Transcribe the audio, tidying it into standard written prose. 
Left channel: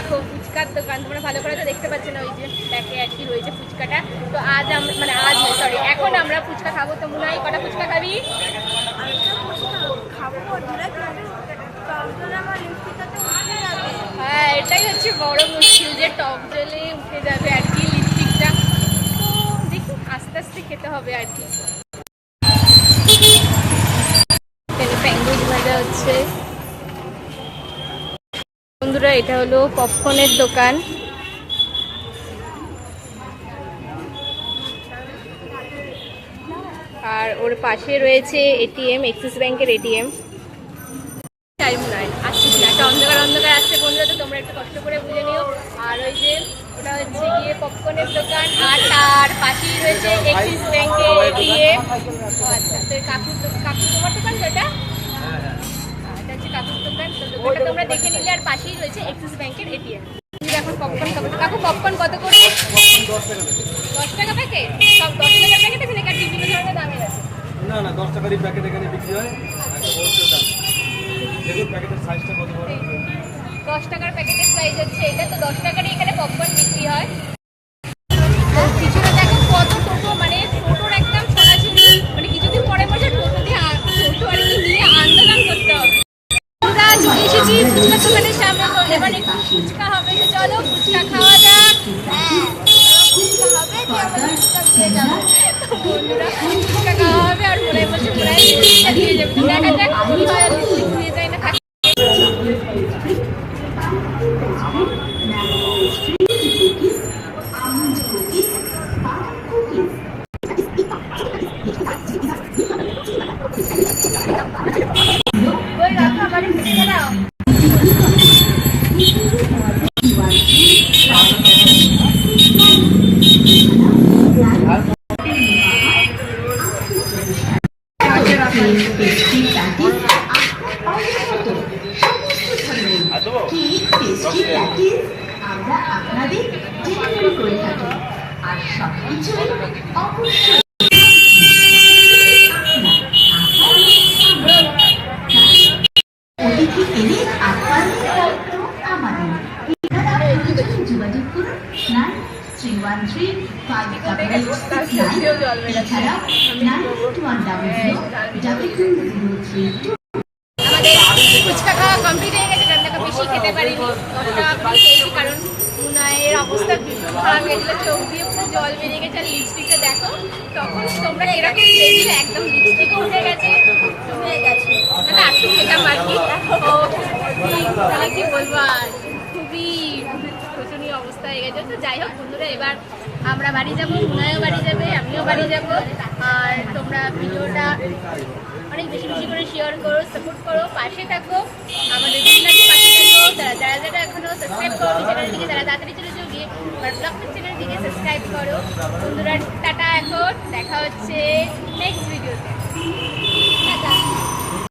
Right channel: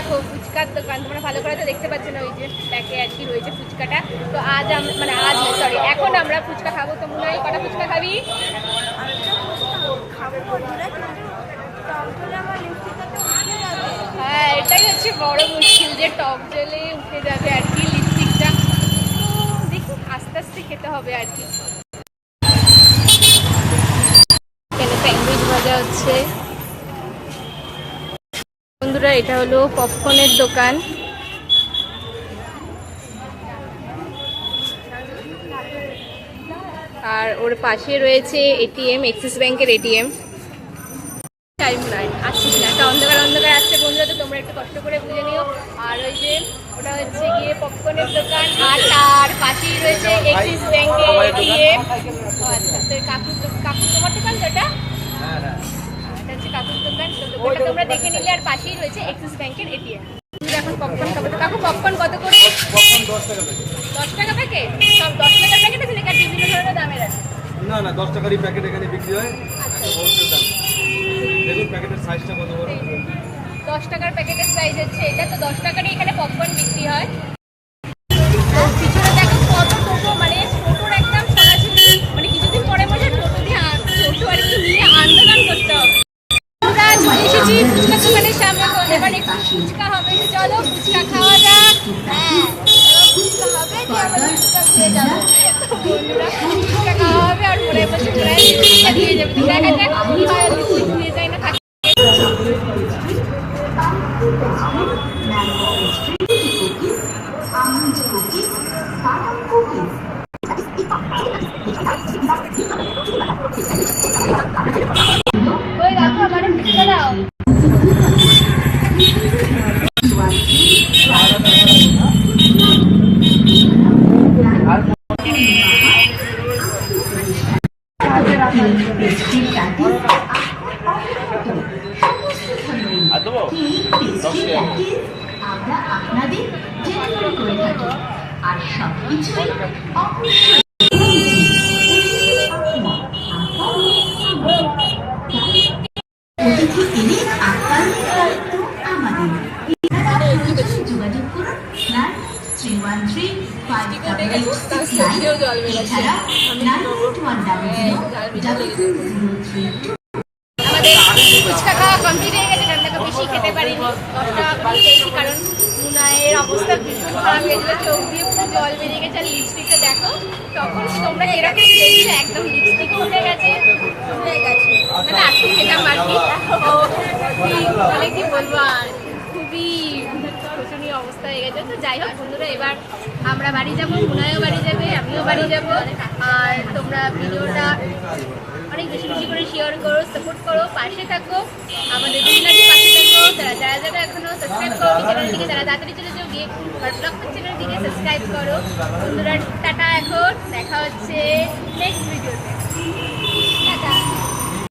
দেখো ফুচকার দোকান, তোমরা ভালো করে তো দেখতে পাচ্ছ না, ওই যে প্যাকে আর কি রয়েছে ফুচকাটা। তো আজ মানে আজ সরি এখন আমরা ফুচকা খাবো। তো মুনাই কটা ফুচকা খাবি? হ্যাঁ এটাই হচ্ছে বড় মুশকিল, যে টক জলে উঠে যাবে আর কি লিপস্টিকটা। তো দেখি আস্তে আস্তে খেতে হবে আর কি। এখানে স্যান্ডউইচ ভাজা হচ্ছে। বন্ধুরা এটা হলো পপকর্নের দোকান। আর ওর পাশে রয়েছে এটিএম, এক্সিস ব্যাংকের এটিএম। টাইম নাই আসছিস না, একটা অন্ধকার অন্ধকার আসছে বন্ধুরা, তো তোমরা একটু কষ্ট করে বুঝে নিও। আর ওই যে ওটা হচ্ছে গিয়ে পপকর্নের দোকান, আর তার পাশেই রয়েছে এক্সিস ব্যাংকের এটিএম। ও আচ্ছা, তো কাকুর তোমার দোকান তো এটা? এটা হচ্ছে কাকুর দোকান। তো দোকানটা তোমরা দেখে নিলে, আর পাশেই রয়েছে এক্সিস ব্যাংকের এটিএম। এখন পপকর্ন খাবো। তো কাকু পপকর্ন কত করে? 10 টাকা প্যাকেট? সব 10 টাকার প্যাকেট আছে নাকি বিভিন্ন ধরনের দামের আছে? না না 10 টাকারই প্যাকেট এখানে বিক্রি হয়। আচ্ছা দেখুন প্যাকেটের সাইজটা কত বড়। 10 টাকার প্যাকেটের সাইজ হচ্ছে এটা। তো 10 টাকারই এখানে পপকর্ন বিক্রি হয়। পিছনে দেখো কত টোটো, মানে টোটোর একদম ছড়াছড়ি। মানে কিছুদিন পরে মনে হয় টোটো আর কি নিয়ে আন্দোলন করতে হবে। আমরা চলে এসেছি ফুচকার দোকানের সামনে। তো এবার একটু ফুচকা হবে, তো চলো ফুচকা খাওয়া যাক। বন্ধুরা ফুচকা খাওয়া হবে, আর মনে বলছে মনে হয় লিপস্টিকটা দিয়ে যাবে। তো দেখা যাক কি হয়, লিপস্টিক দিয়ে যায় না থাকে। ওই রাখো আমারে ফুচকা দাও। আমরা আপনাদের ডেলিভারি করে থাকি আর সবকিছুই অবশ্যই অতিথি এলে আপ্যায়নের দায়িত্ব আমাদের। যোগাযোগ করুন 9315 আমাদের ফুচকা খাওয়া কমপ্লিট হয়ে গেছে, কারণ দেখো বেশি খেতে পারিনি। 10 টাকা করে খেয়েছি, কারণ মুনায়ের অবস্থা ভীষণ খারাপ হয়ে গেছিলো, চোখ দিয়ে পুরো জল বেরিয়ে গেছে। আর লিপস্টিকটা দেখো তখন তোমরা কিরকম দেখলে, একদম লিপস্টিকও উঠে গেছে। মানে একটু খেতাম আর কি। মানে কি বলবো, আর খুবই শোচনীয় অবস্থা হয়ে গেছে। তো যাই হোক বন্ধুরা, এবার আমরা বাড়ি যাবো, মুনায়ও বাড়ি যাবে, আমিও বাড়ি যাব। আর তোমরা ভিডিওটা অনেক বেশি বেশি করে শেয়ার করো, সাপোর্ট করো, পাশে থাকো, আমাদের দুজনাকে পাশে থাকো। যারা এখনো সাবস্ক্রাইব করো চ্যানেলটিকে, তারা তাড়াতাড়ি চলে যাও গিয়ে আর ব্লগটা চ্যানেলটিকে সাবস্ক্রাইব করো। বন্ধুরা টাটা, এখন দেখা হচ্ছে নেক্সট ভিডিওতে। টাটা।